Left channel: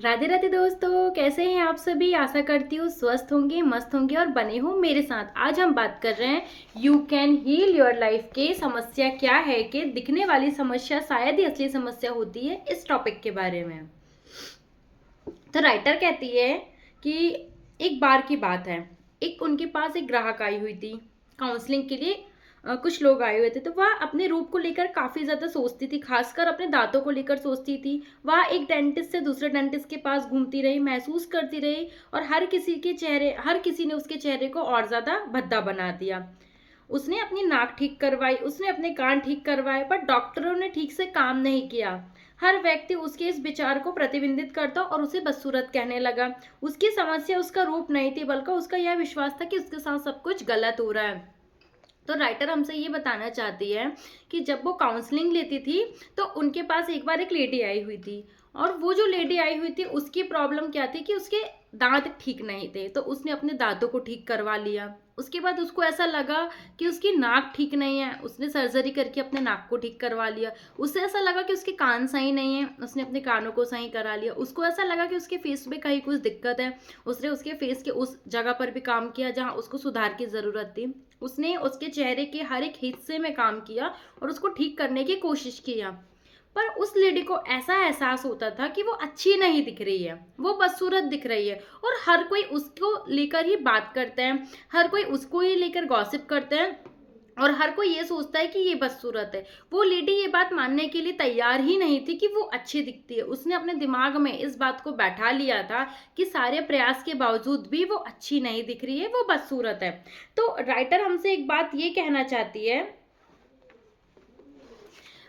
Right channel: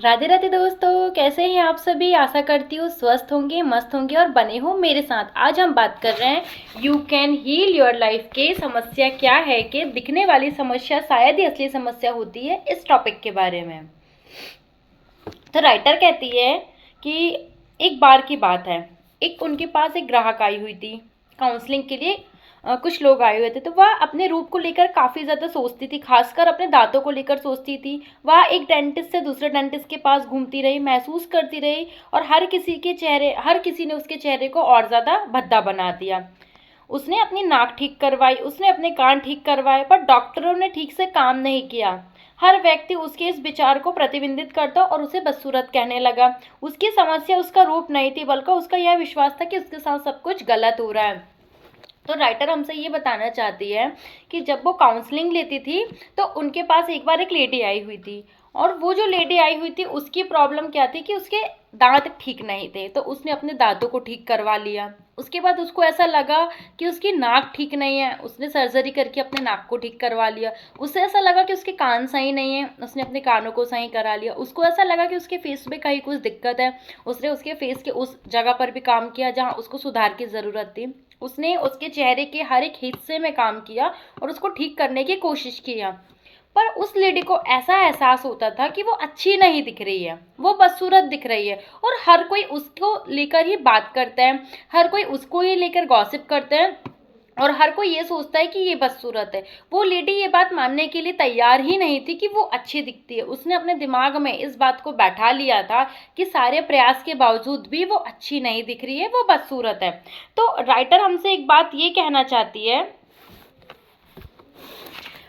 राधे राधे दोस्तों, कैसे हैं आप सभी। आशा करती हूँ स्वस्थ होंगे, मस्त होंगे और बने हो मेरे साथ। आज हम बात कर रहे हैं you can heal your life के समस्या क्या है कि दिखने वाली समस्या शायद ही असली समस्या होती है, इस टॉपिक के बारे में। तो राइटर कहती है कि एक बार की बात है, एक उनके पास एक ग्राहक आई हुई थी काउंसलिंग के लिए। कुछ लोग आए हुए थे, तो वह अपने रूप को लेकर काफ़ी ज़्यादा सोचती थी, खासकर अपने दांतों को लेकर सोचती थी। वह एक डेंटिस्ट से दूसरे डेंटिस्ट के पास घूमती रही, महसूस करती रही, और हर किसी ने उसके चेहरे को और ज़्यादा भद्दा बना दिया। उसने अपनी नाक ठीक करवाई, उसने अपने कान ठीक करवाए, पर डॉक्टरों ने ठीक से काम नहीं किया। हर व्यक्ति उसके इस विचार को प्रतिबिंबित करता और उसे बदसूरत कहने लगा। उसकी समस्या उसका रूप नहीं थी, बल्कि उसका यह विश्वास था कि उसके साथ सब कुछ गलत हो रहा है। तो राइटर हमसे ये बताना चाहती है कि जब वो काउंसलिंग लेती थी, तो उनके पास एक बार एक लेडी आई हुई थी, और वो जो लेडी आई हुई थी उसकी प्रॉब्लम क्या थी कि उसके दांत ठीक नहीं थे। तो उसने अपने दांतों को ठीक करवा लिया। उसके बाद उसको ऐसा लगा कि उसकी नाक ठीक नहीं है, उसने सर्जरी करके अपने नाक को ठीक करवा लिया। उसे ऐसा लगा कि उसके कान सही नहीं है, उसने अपने कानों को सही करा लिया। उसको ऐसा लगा कि उसके फेस में कहीं कुछ दिक्कत है, उसने उसके फेस के उस जगह पर भी काम किया जहाँ उसको सुधार की ज़रूरत थी। उसने उसके चेहरे के हर एक हिस्से में काम किया और उसको ठीक करने की कोशिश किया। पर उस लेडी को ऐसा एहसास होता था कि वो अच्छी नहीं दिख रही है, वो बदसूरत दिख रही है, और हर कोई उसको लेकर ही बात करता है, हर कोई उसको ही लेकर गॉसिप करते हैं, और हर कोई ये सोचता है कि ये बदसूरत है। वो लेडी ये बात मानने के लिए तैयार ही नहीं थी कि वो अच्छी दिखती है। उसने अपने दिमाग में इस बात को बैठा लिया था कि सारे प्रयास के बावजूद भी वो अच्छी नहीं दिख रही है, वो बदसूरत है। तो राइटर हमसे एक बात ये कहना चाहती है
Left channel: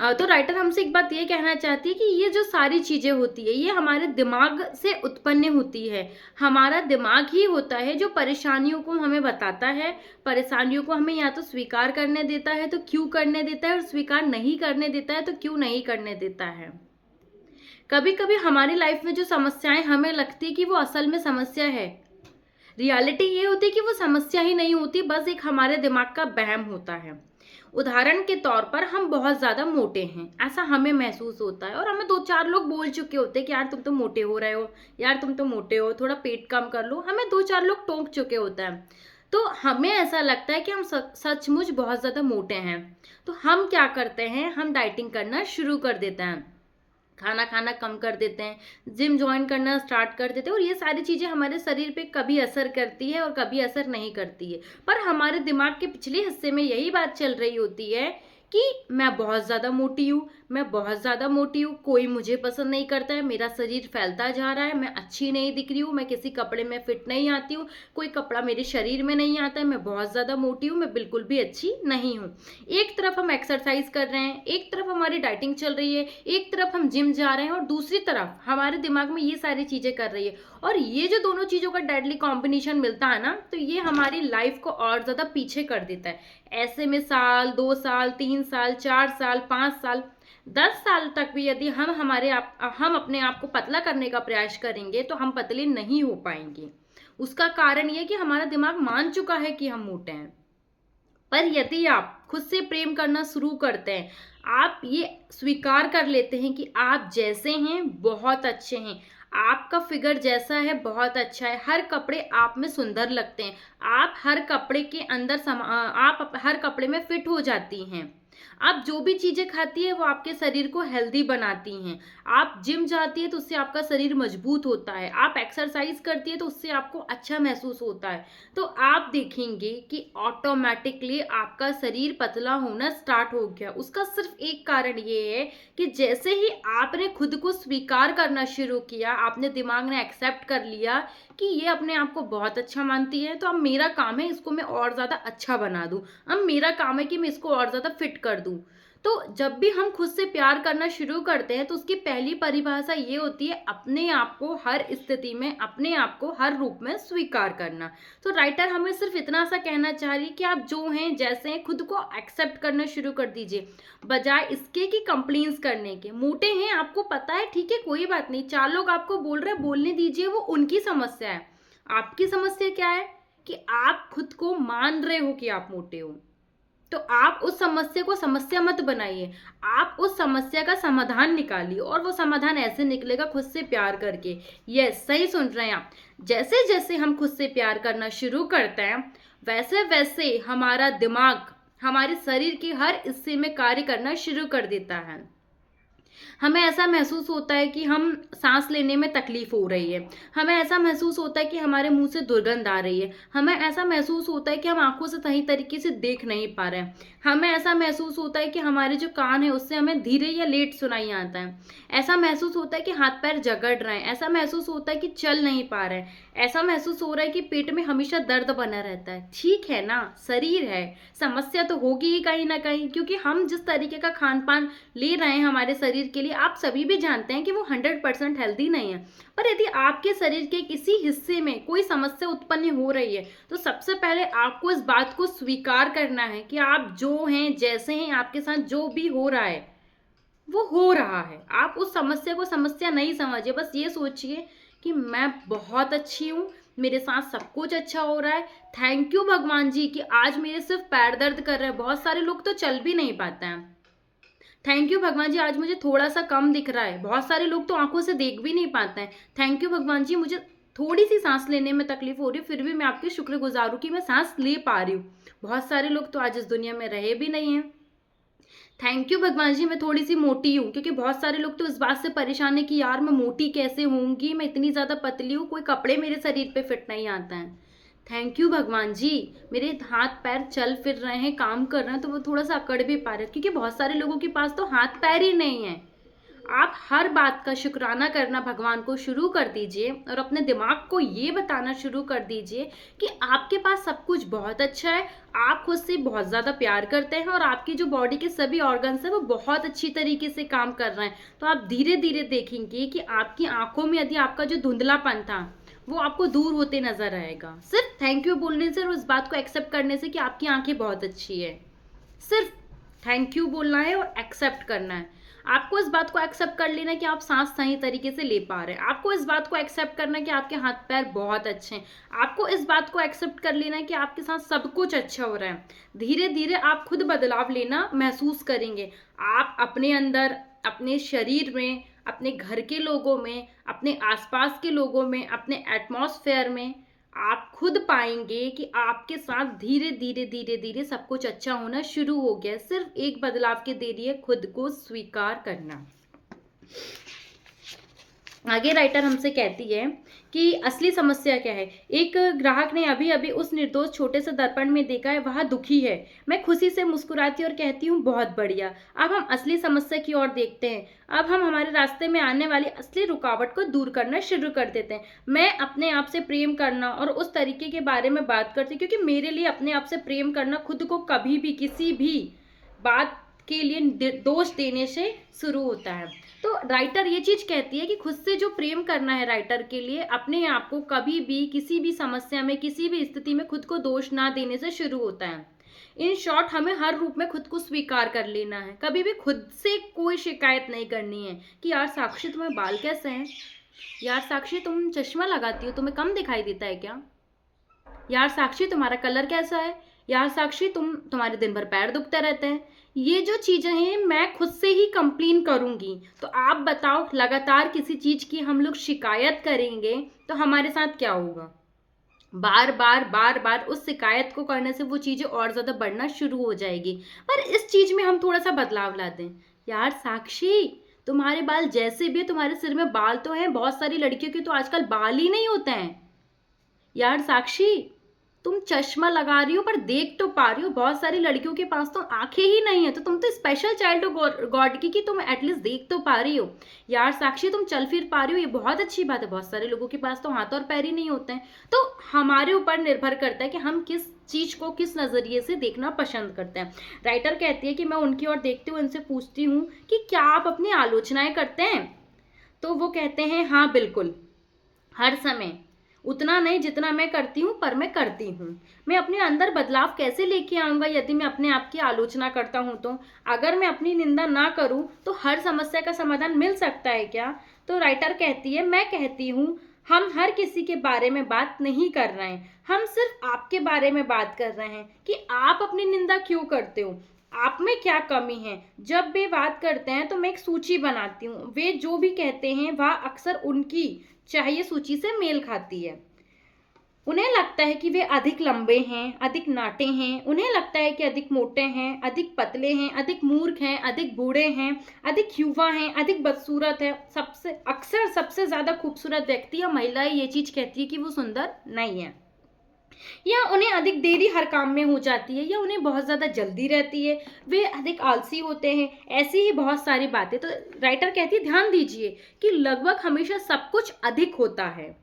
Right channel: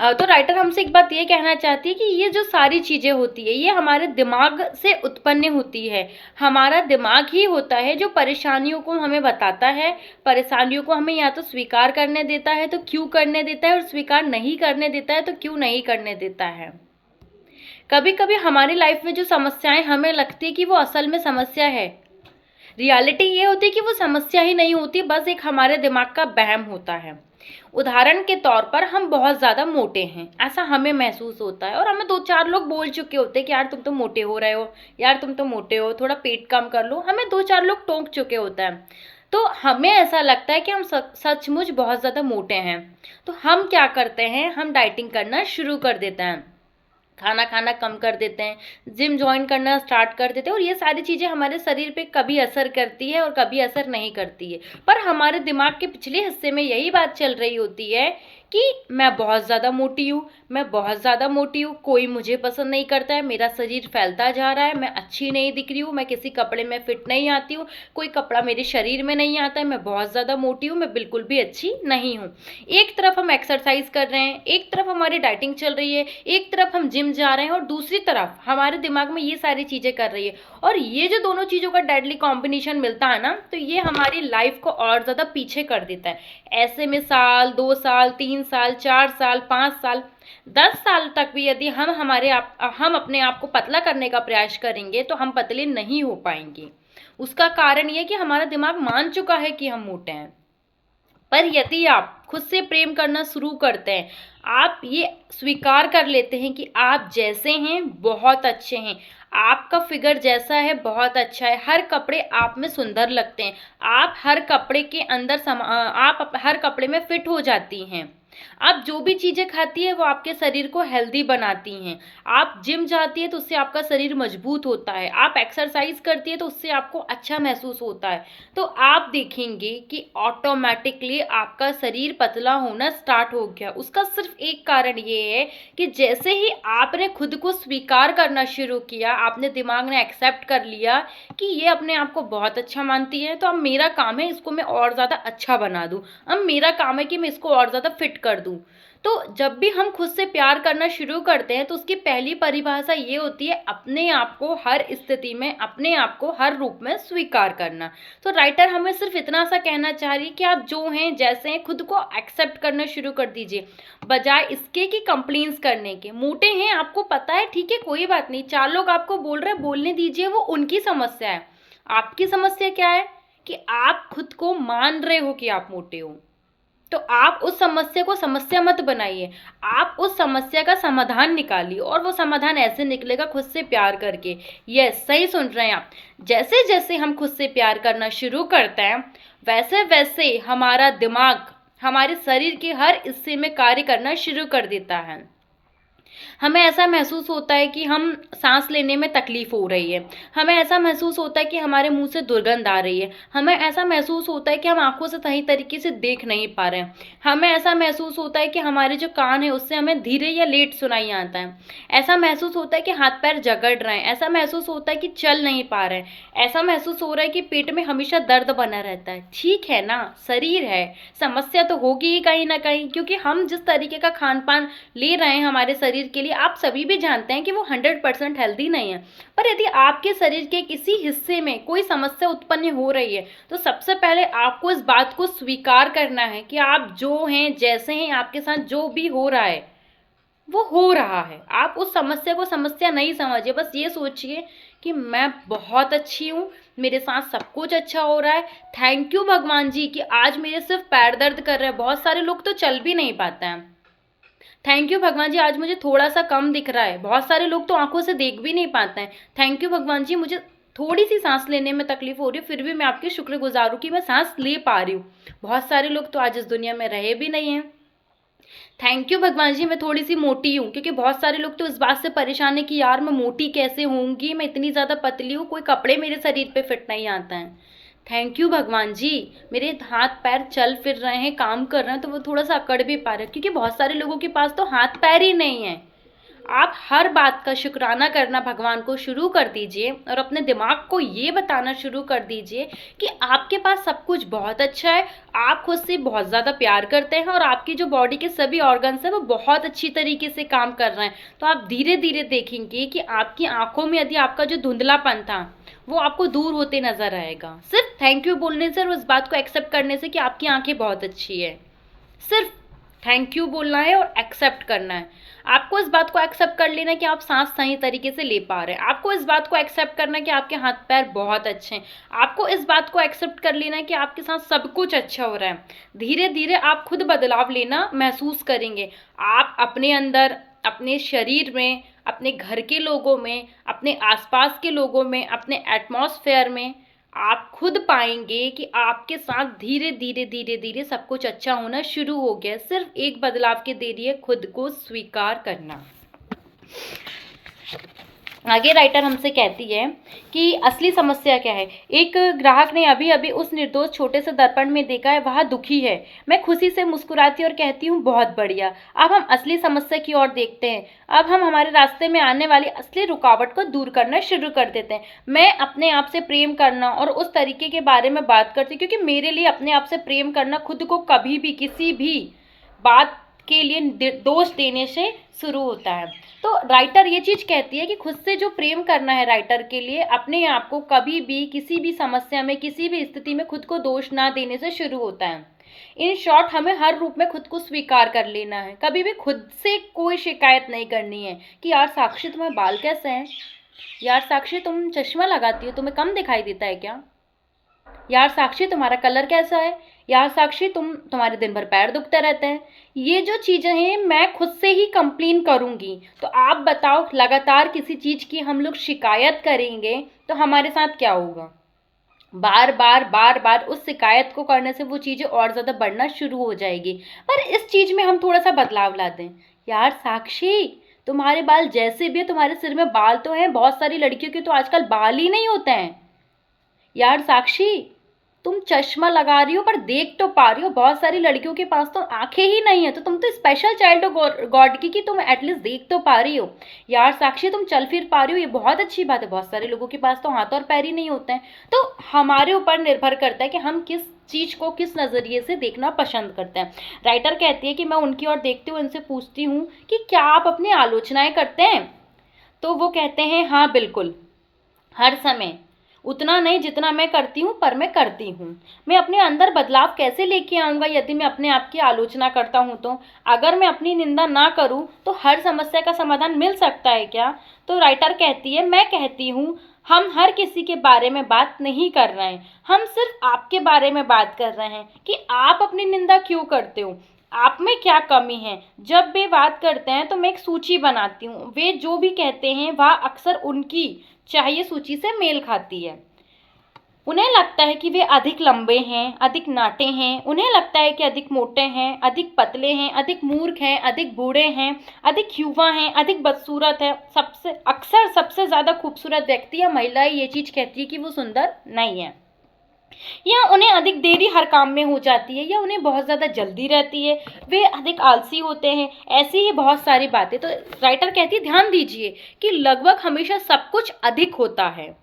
तो राइटर हमसे एक बात ये कहना चाहती है कि ये जो सारी चीज़ें होती है, ये हमारे दिमाग से उत्पन्न होती है। हमारा दिमाग ही होता है जो परेशानियों को हमें बताता है, परेशानियों को हमें या तो स्वीकार करने देता है तो क्यों करने देता है, और स्वीकार नहीं करने देता है तो क्यों नहीं करने देता है। कभी कभी हमारी लाइफ में जो समस्याएं हमें लगती है कि वो असल में समस्या है, रियलिटी ये होती है कि वो समस्या ही नहीं होती, बस एक हमारे दिमाग का वहम होता है। उदाहरण के तौर पर हम बहुत ज़्यादा मोटे हैं, ऐसा हमें महसूस होता है, और हमें दो चार लोग बोल चुके होते हैं कि यार तुम तो मोटे हो रहे हो, यार तुम तो मोटे हो, थोड़ा पेट कम कर लो। हमें दो चार लोग टोक चुके होते हैं, तो हमें ऐसा लगता है कि हम सचमुच बहुत ज़्यादा मोटे हैं। तो हम क्या करते हैं, हम डाइटिंग करना शुरू कर देते हैं, खाना खाना कम कर देते हैं, जिम ज्वाइन करना स्टार्ट कर देते हैं, और ये सारी चीज़ें हमारे शरीर पे कभी असर करती है और कभी असर नहीं करती है। पर हमारे दिमाग के पिछले हिस्से में यही बात चल रही होती है कि मैं बहुत ज़्यादा मोटी हूँ, मैं बहुत ज़्यादा मोटी हूँ, कोई मुझे पसंद नहीं करता है, मेरा शरीर फैलता जा रहा है, मैं अच्छी नहीं दिख रही हूँ, मैं किसी कपड़े में फिट नहीं आती हूँ, कोई कपड़ा मेरे शरीर में नहीं आता है, मैं बहुत ज़्यादा मोटी हूँ, मैं बिल्कुल भी अच्छी नहीं हूँ। एक तरफ हम एक्सरसाइज कर रहे हैं, एक तरफ हमारी डाइटिंग चल रही है, एक तरफ हम जिम जा रहे हैं, और दूसरी तरफ हमारे दिमाग में ये सारी चीज़ें कर रही है। और ये जो दोनों चीज़ों का डेडली कॉम्बिनेशन मिलता है ना, तो ये हमारी लाइफ को और ज़्यादा पीछे कर देता है। ऐसे में साल, 2 साल, 3 साल, 4 साल, 5 साल, 10 साल तक भी यदि हम अपने आप को पतला करने का प्रयास करेंगे, तो हम पतले नहीं हो पाएंगे। उसका कारण ये कि हमारा दिमाग मान चुका है कि हम मोटे हैं। पर यदि आप खुद से प्रेम करना शुरू करते हैं, आप ये स्वीकार कर लेते हैं कि आप जैसे हैं बहुत अच्छे हैं, आपका फिगर जैसा है बहुत अच्छा है, हर कपड़े आप में सुंदर लगते हैं, आप हर कपड़े के अंदर आप हर कपड़े में फिट हो जाती हैं, आप जो भी चीज़ें खाती है वो आपके शरीर को हेल्दी बनाती हैं, आप जिम जाती है तो उससे आपका शरीर मजबूत होता है, आप एक्सरसाइज करती है तो उससे आपको अच्छा महसूस होता है, तो आप देखेंगे कि ऑटोमेटिकली आपका शरीर पतला होना स्टार्ट हो गया। उसका सिर्फ एक कारण ये है कि जैसे ही आपने खुद को स्वीकार करना शुरू किया, आपने दिमाग ने एक्सेप्ट कर लिया कि ये अपने आप को बहुत अच्छा मानती है, तो अब मेरा काम है इसको मैं और ज़्यादा अच्छा बना दूँ, अब मेरा काम है कि मैं इसको और ज़्यादा फिट कर दूँ। तो जब भी हम खुद से प्यार करना शुरू करते हैं, तो उसकी पहली परिभाषा ये होती है अपने आप को हर स्थिति में, अपने आप को हर रूप में स्वीकार करना। तो राइटर हमें सिर्फ इतना सा कहना चाह रही है कि आप जो हैं जैसे हैं खुद को एक्सेप्ट करना शुरू कर दीजिए, बजाय इसके कि कंप्लेंट्स करने के। मोटे हैं आपको पता है, ठीक है, कोई बात नहीं, चार लोग आपको बोल रहे हैं, बोलने दीजिए, वो उनकी समस्या है। आपकी समस्या क्या है कि आप खुद को मान रहे हो कि आप मोटे हो। तो आप उस समस्या को समस्या मत बनाइए, आप उस समस्या का समाधान निकालिए, और वो समाधान ऐसे निकलेगा खुद से प्यार करके। यस, सही सुन रहे हैं आप। जैसे जैसे हम खुद से प्यार करना शुरू करते हैं, वैसे वैसे हमारा दिमाग हमारे शरीर के हर हिस्से में कार्य करना शुरू कर देता है। हमें ऐसा महसूस होता है कि हम सांस लेने में तकलीफ हो रही है, हमें ऐसा महसूस होता है कि हमारे मुंह से दुर्गंध आ रही है, हमें ऐसा महसूस होता है कि हम आंखों से सही तरीके से देख नहीं पा रहे हैं, हमें ऐसा महसूस होता है कि हमारे जो कान है उससे हमें धीरे या लेट सुनाई आता है, ऐसा महसूस होता है कि हाथ पैर जकड़ रहे हैं, ऐसा महसूस होता है कि चल नहीं पा रहे हैं, ऐसा महसूस हो रहा है कि पेट में हमेशा दर्द बना रहता है। ठीक है ना, शरीर है, समस्या तो होगी ही कहीं ना कहीं, क्योंकि हम जिस तरीके का खान पान ले रहे हैं हमारे शरीर के लिए, आप सभी भी जानते हैं कि वो 100% हेल्दी नहीं है। पर यदि आपके शरीर के किसी हिस्से में कोई समस्या उत्पन्न हो रही है, तो सबसे पहले आपको इस बात को स्वीकार करना है कि आप जो हैं, जैसे हैं, आपके साथ जो भी हो रहा है वो हो रहा है। आप उस समस्या को समस्या नहीं समझिए, बस ये सोचिए कि मैं बहुत अच्छी हूँ, मेरे साथ सब कुछ अच्छा हो रहा है। थैंक यू भगवान जी कि आज मेरे सिर्फ पैर दर्द कर रहे हैं, बहुत सारे लोग तो चल भी नहीं पाते हैं। थैंक यू भगवान जी, आज मुझे थोड़ा सा कम दिख रहा है, बहुत सारे लोग तो आंखों से देख भी नहीं पाते हैं। थैंक यू भगवान जी, मुझे थोड़ी सी सांस लेने में तकलीफ हो रही है, फिर भी मैं आपकी शुक्रगुजार हूँ कि मैं सांस ले पा रही हूँ। बहुत सारे लोग तो आज इस दुनिया में रहे भी नहीं हैं। थैंक यू भगवान जी, मैं थोड़ी सी मोटी हूँ, क्योंकि बहुत सारे लोग तो इस बात से परेशान है कि यार मैं मोटी कैसे होंगी, मैं इतनी ज़्यादा पतली हूँ, कोई कपड़े मेरे शरीर पे फिट नहीं आता है। थैंक यू भगवान जी, मेरे हाथ पैर चल फिर रहे हैं, काम कर रहे हैं, तो वो थोड़ा सा अकड़ भी पा रहे हैं, क्योंकि बहुत सारे लोगों के पास तो हाथ पैर ही नहीं है। आप हर बात का शुक्राना करना भगवान को शुरू कर दीजिए, और अपने दिमाग को ये बताना शुरू कर दीजिए कि आपके पास सब कुछ बहुत अच्छा है, आप खुद से बहुत ज़्यादा प्यार करते हैं, और आपकी जो बॉडी के सभी ऑर्गन्स हैं वो बहुत अच्छी तरीके से काम कर रहे हैं। तो आप धीरे धीरे देखेंगे कि आपकी आंखों में यदि आपका जो धुंधलापन था वो आपको दूर होते नजर आएगा, सिर्फ थैंक यू बोलने से और उस बात को एक्सेप्ट करने से कि आपकी आंखें बहुत अच्छी है। सिर्फ थैंक यू बोलना है और एक्सेप्ट करना है। आपको इस बात को एक्सेप्ट कर लेना है कि आप सांस सही तरीके से ले पा रहे हैं, आपको इस बात को एक्सेप्ट करना है कि आपके हाथ पैर बहुत अच्छे हैं, आपको इस बात को एक्सेप्ट कर लेना है कि आपके साथ सब कुछ अच्छा हो रहा है। धीरे धीरे आप खुद बदलाव लेना महसूस करेंगे। आप अपने अंदर, अपने शरीर में, अपने घर के लोगों में, अपने आसपास के लोगों में, अपने एटमॉस्फेयर में आप खुद पाएंगे कि आपके साथ धीरे धीरे धीरे धीरे सब कुछ अच्छा होना शुरू हो गया। सिर्फ एक बदलाव की देरी है, खुद को स्वीकार करना। आगे राइटर हमसे कहती है कि असली समस्या क्या है। एक ग्राहक ने अभी अभी उस निर्दोष छोटे से दर्पण में देखा है, वह दुखी है। मैं खुशी से मुस्कुराती और कहती हूँ बहुत बढ़िया। अब हम असली समस्या की ओर देखते हैं। अब हम हमारे रास्ते में आने वाली असली रुकावट को दूर करना शुरू कर देते हैं। मैं अपने आप से प्रेम करना और उस तरीके के बारे में बात करती हूँ, क्योंकि मेरे लिए अपने आप से प्रेम करना खुद को कभी भी किसी भी बात के लिए दोष देने से शुरू होता है। तो राइटर ये चीज कहती है कि खुद से जो प्रेम करना है राइटर के लिए, अपने आप को कभी भी किसी भी समस्या में, किसी भी स्थिति में खुद को दोष ना देने से शुरू होता है। इन शॉर्ट, हमें हर रूप में खुद को स्वीकार कर लेना है। कभी भी खुद से कोई शिकायत नहीं करनी है कि यार साक्षी तुम्हारे बाल कैसे हैं, यार साक्षी तुम चश्मा लगाती हो, तुम्हें कम दिखाई देता है क्या, यार साक्षी तुम्हारा कलर कैसा है, यार साक्षी तुम्हारे दिन भर पैर दुखते रहते हैं। ये जो चीजें हैं मैं खुद से ही कंप्लेन करूंगी। तो आप बताओ, लगातार किसी चीज की हम लोग शिकायत करेंगे तो हमारे साथ क्या होगा। बार बार बार बार उस शिकायत को करने से वो चीजें और ज्यादा बढ़ना शुरू हो जाएगी। पर इस चीज में हम थोड़ा सा बदलाव ला दें। यार साक्षी, तुम्हारे बाल जैसे भी है, तुम्हारे सिर में बाल तो हैं, बहुत सारी लड़कियों के तो आजकल बाल ही नहीं होते हैं। यार साक्षी, तुम चश्मा लगा रही हो पर देख तो पा रही हो, बहुत सारी लड़कियों के पास तो आंखें ही नहीं है, तो तुम तो स्पेशल चाइल्ड हो गॉड की कि तुम एटलीस्ट देख तो पा रही हो। यार साक्षी, तुम चल फिर पा रही हो, ये बहुत अच्छी बात है, बहुत सारे लोगों के पास तो हाथ और पैर ही नहीं होते हैं। तो हमारे ऊपर निर्भर करता है कि हम किस चीज को किस नजरिए से देखना पसंद करते हैं। राइटर कहती है कि मैं उनकी ओर देखती हूँ, उनसे पूछती हूँ कि क्या आप अपनी आलोचनाएं करते हैं। तो वो कहते हैं हाँ बिल्कुल, हर समय, उतना नहीं जितना मैं करती हूँ, पर मैं करती हूँ। मैं अपने अंदर बदलाव कैसे लेके आऊँगा यदि मैं अपने आप की आलोचना करता हूँ। तो अगर मैं अपनी निंदा ना करूँ तो हर समस्या का समाधान मिल सकता है क्या। तो राइटर कहती है, मैं कहती हूँ हम हर किसी के बारे में बात नहीं कर रहे हैं, हम सिर्फ आपके बारे में बात कर रहे हैं कि आप अपनी निंदा क्यों करते हो, आप में क्या कमी है। जब वे बात करते हैं तो मैं एक सूची बनाती हूँ, वे जो भी कहते हैं वह अक्सर उनकी चाहिए सूची से मेल खाती है। उन्हें लगता है कि वे अधिक लंबे हैं, अधिक नाटे हैं, उन्हें लगता है कि अधिक मोटे हैं, अधिक पतले हैं, अधिक मूर्ख हैं, अधिक बूढ़े हैं, अधिक युवा हैं, अधिक बदसूरत है। सबसे ज़्यादा खूबसूरत व्यक्ति या महिला ये चीज़ कहती है कि वो सुंदर नहीं है, या उन्हें अधिक देरी हर काम में हो जाती है, या उन्हें बहुत ज़्यादा जल्दी रहती है, वे अधिक आलसी होते हैं। ऐसी ही बहुत सारी बातें। तो राइटर कहती है ध्यान दीजिए कि लगभग हमेशा सब कुछ अधिक होता है।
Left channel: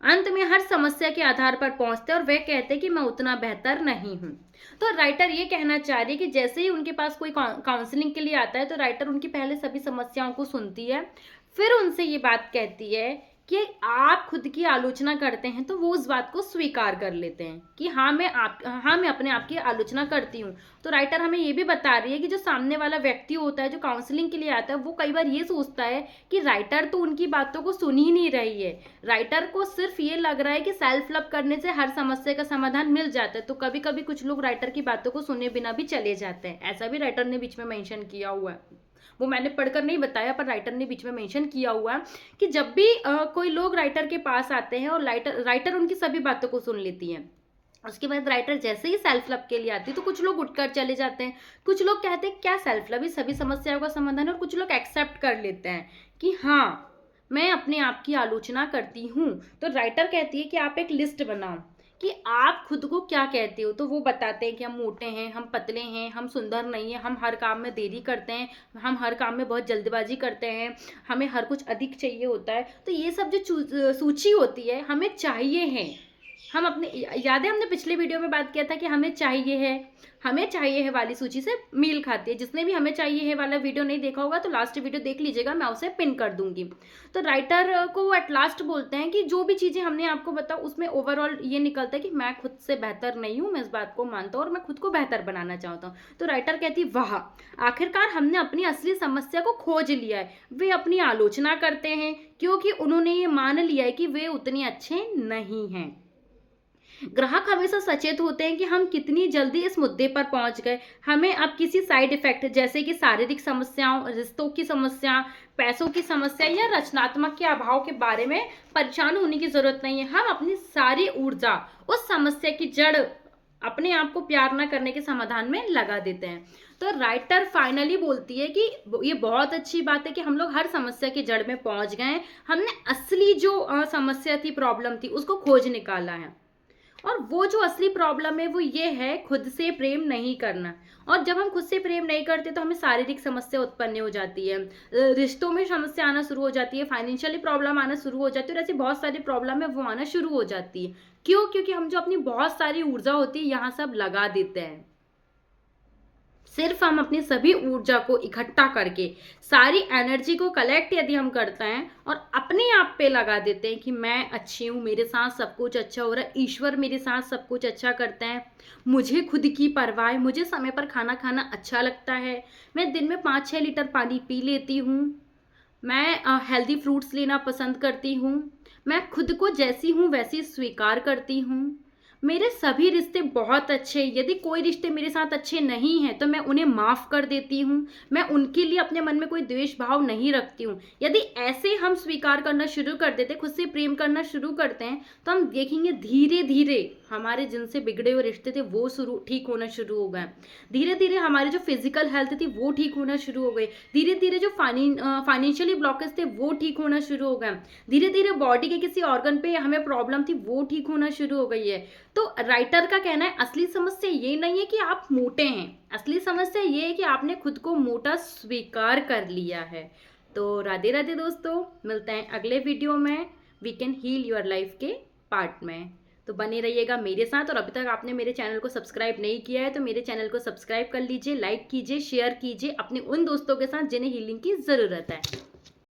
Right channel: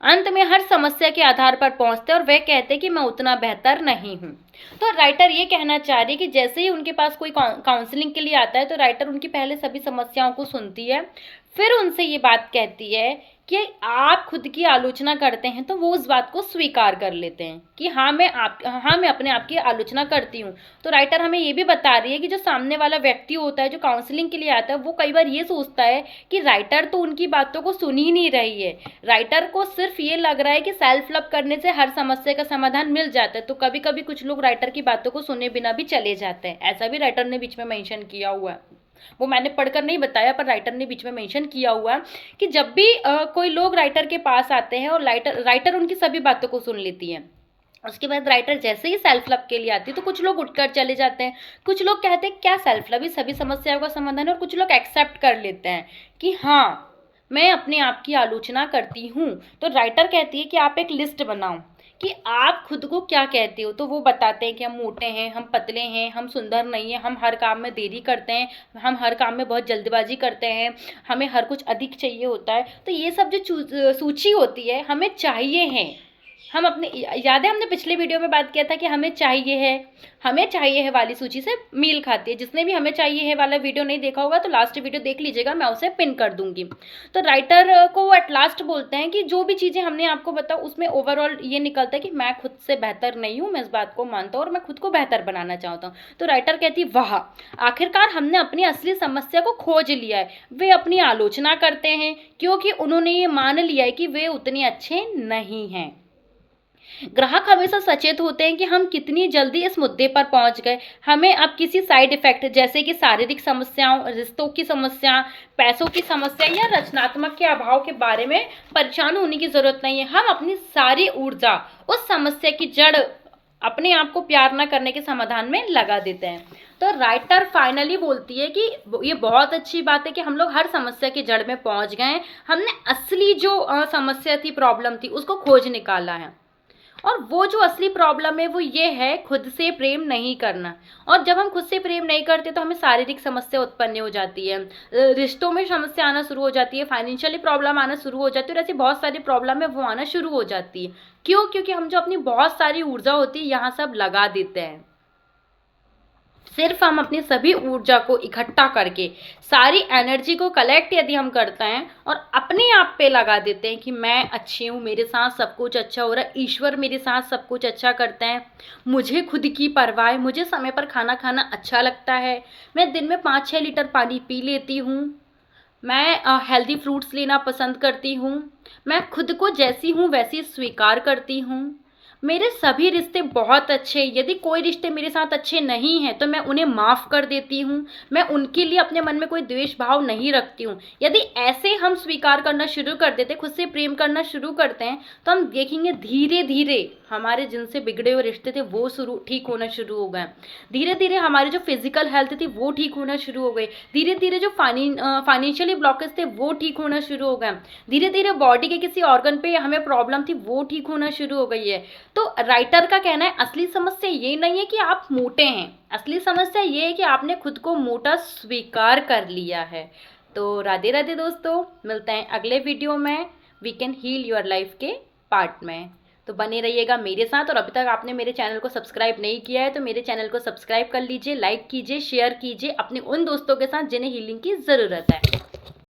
अंत में हर समस्या के आधार पर पहुंचते और वह कहते कि मैं उतना बेहतर नहीं हूं। तो राइटर ये कहना चाह रही है कि जैसे ही उनके पास कोई काउंसलिंग के लिए आता है तो राइटर उनकी पहले सभी समस्याओं को सुनती है, फिर उनसे ये बात कहती है कि आप खुद की आलोचना करते हैं तो वो उस बात को स्वीकार कर लेते हैं कि हाँ मैं अपने आप की आलोचना करती हूँ। तो राइटर हमें ये भी बता रही है कि जो सामने वाला व्यक्ति होता है, जो काउंसलिंग के लिए आता है, वो कई बार ये सोचता है कि राइटर तो उनकी बातों को सुन ही नहीं रही है, राइटर को सिर्फ ये लग रहा है कि सेल्फ लव करने से हर समस्या का समाधान मिल जाता है। तो कभी कभी कुछ लोग राइटर की बातों को सुने बिना भी चले जाते हैं, ऐसा भी राइटर ने बीच में मेंशन किया हुआ है। वो मैंने पढ़कर नहीं बताया, पर राइटर ने बीच में मेंशन किया हुआ है कि जब भी कोई लोग राइटर के पास आते हैं और राइटर उनकी सभी बातों को सुन लेती है, उसके बाद राइटर जैसे ही सेल्फ लव के लिए आती है तो कुछ लोग उठकर चले जाते हैं, कुछ लोग कहते हैं क्या सेल्फ लव ही सभी समस्याओं का समाधान है, और कुछ लोग एक्सेप्ट कर लेते हैं कि हाँ मैं अपने आप की आलोचना करती हूँ। तो राइटर कहती है कि आप एक लिस्ट बनाओ कि आप खुद को क्या कहते हो। तो वो बताते हैं कि हम मोटे हैं, हम पतले हैं, हम सुंदर नहीं हैं, हम हर काम में देरी करते हैं, हम हर काम में बहुत जल्दबाजी करते हैं, हमें हर कुछ अधिक चाहिए होता है। तो ये सब जो सूची होती है हमें चाहिए है, हम अपने याद है हमने पिछले वीडियो में बात किया था कि हमें चाहिए है वाली सूची से मेल खाती है। जिसने भी हमें चाहिए है वाला वीडियो नहीं देखा होगा तो लास्ट वीडियो देख लीजिएगा, मैं उसे पिन कर दूंगी। तो राइटर को वो एट लास्ट बोलते हैं कि जो भी चीज़ें हमने आपको बताओ उसमें ओवरऑल ये निकलता है कि मैं खुद से बेहतर नहीं हूँ, मैं इस बात को मानता हूँ और मैं खुद को बेहतर बनाना चाहता हूँ। तो राइटर कहती है वाह, आखिरकार हमने अपनी असली समस्या को खोज लिया है। वे अपनी आलोचना करते हैं क्योंकि उन्होंने ये मान लिया है कि वे उतने अच्छे नहीं हैं। ग्राहक हमेशा सचेत होते हैं कि हम कितनी जल्दी इस मुद्दे पर पहुंच गए। हमें अब किसी साइड इफेक्ट जैसे कि शारीरिक समस्याओं, रिश्तों की समस्या, पैसों की समस्या या रचनात्मक के अभाव के बारे में परेशान होने की जरूरत नहीं है। हम अपनी सारी ऊर्जा उस समस्या की जड़, अपने आप को प्यार न करने के समाधान में लगा देते हैं। तो राइटर फाइनली बोलती है कि ये बहुत अच्छी बात है कि हम लोग हर समस्या की जड़ में पहुंच गए हैं, हमने असली जो समस्या थी, प्रॉब्लम थी, उसको खोज निकाला है। और वो जो असली प्रॉब्लम है वो ये है खुद से प्रेम नहीं करना। और जब हम खुद से प्रेम नहीं करते तो हमें शारीरिक समस्या उत्पन्न हो जाती है, रिश्तों में समस्या आना शुरू हो जाती है, फाइनेंशियली प्रॉब्लम आना शुरू हो जाती है, और ऐसी बहुत सारी प्रॉब्लम है वो आना शुरू हो जाती है। क्यों? क्योंकि हम जो अपनी बहुत सारी ऊर्जा होती है यहाँ सब लगा देते हैं। सिर्फ हम अपनी सभी ऊर्जा को इकट्ठा करके, सारी एनर्जी को कलेक्ट यदि हम करते हैं और अपने आप पे लगा देते हैं कि मैं अच्छी हूँ, मेरे साथ सब कुछ अच्छा हो रहा है, ईश्वर मेरे साथ सब कुछ अच्छा करते हैं, मुझे खुद की परवाह है, मुझे समय पर खाना खाना अच्छा लगता है, मैं दिन में 5-6 लीटर पानी पी लेती हूँ, मैं हेल्दी फ्रूट्स लेना पसंद करती हूँ, मैं खुद को जैसी हूँ वैसी स्वीकार करती हूँ, मेरे सभी रिश्ते बहुत अच्छे, यदि कोई रिश्ते मेरे साथ अच्छे नहीं हैं तो मैं उन्हें माफ़ कर देती हूँ, मैं उनके लिए अपने मन में कोई द्वेष भाव नहीं रखती हूँ। यदि ऐसे हम स्वीकार करना शुरू कर देते, खुद से प्रेम करना शुरू करते हैं, तो हम देखेंगे धीरे धीरे हमारे जिनसे बिगड़े हुए रिश्ते थे वो ठीक होना शुरू हो गए, धीरे धीरे हमारी जो फिजिकल हेल्थ थी वो ठीक होना शुरू हो गई, धीरे धीरे जो फाइनेंशियली ब्लॉकेज थे वो ठीक होना शुरू हो गए, धीरे धीरे बॉडी के किसी ऑर्गन पे हमें प्रॉब्लम थी वो ठीक होना शुरू हो गई है। तो राइटर का कहना है असली समस्या ये नहीं है कि आप मोटे हैं, असली समस्या ये है कि आपने खुद को मोटा स्वीकार कर लिया है। तो राधे राधे दोस्तों, मिलते हैं अगले वीडियो में we can heal your life के पार्ट में। तो बने रहिएगा मेरे साथ, और अभी तक आपने मेरे चैनल को सब्सक्राइब नहीं किया है तो मेरे चैनल को सब्सक्राइब कर लीजिए, लाइक कीजिए, शेयर कीजिए अपने उन दोस्तों के साथ जिन्हें हीलिंग की ज़रूरत है।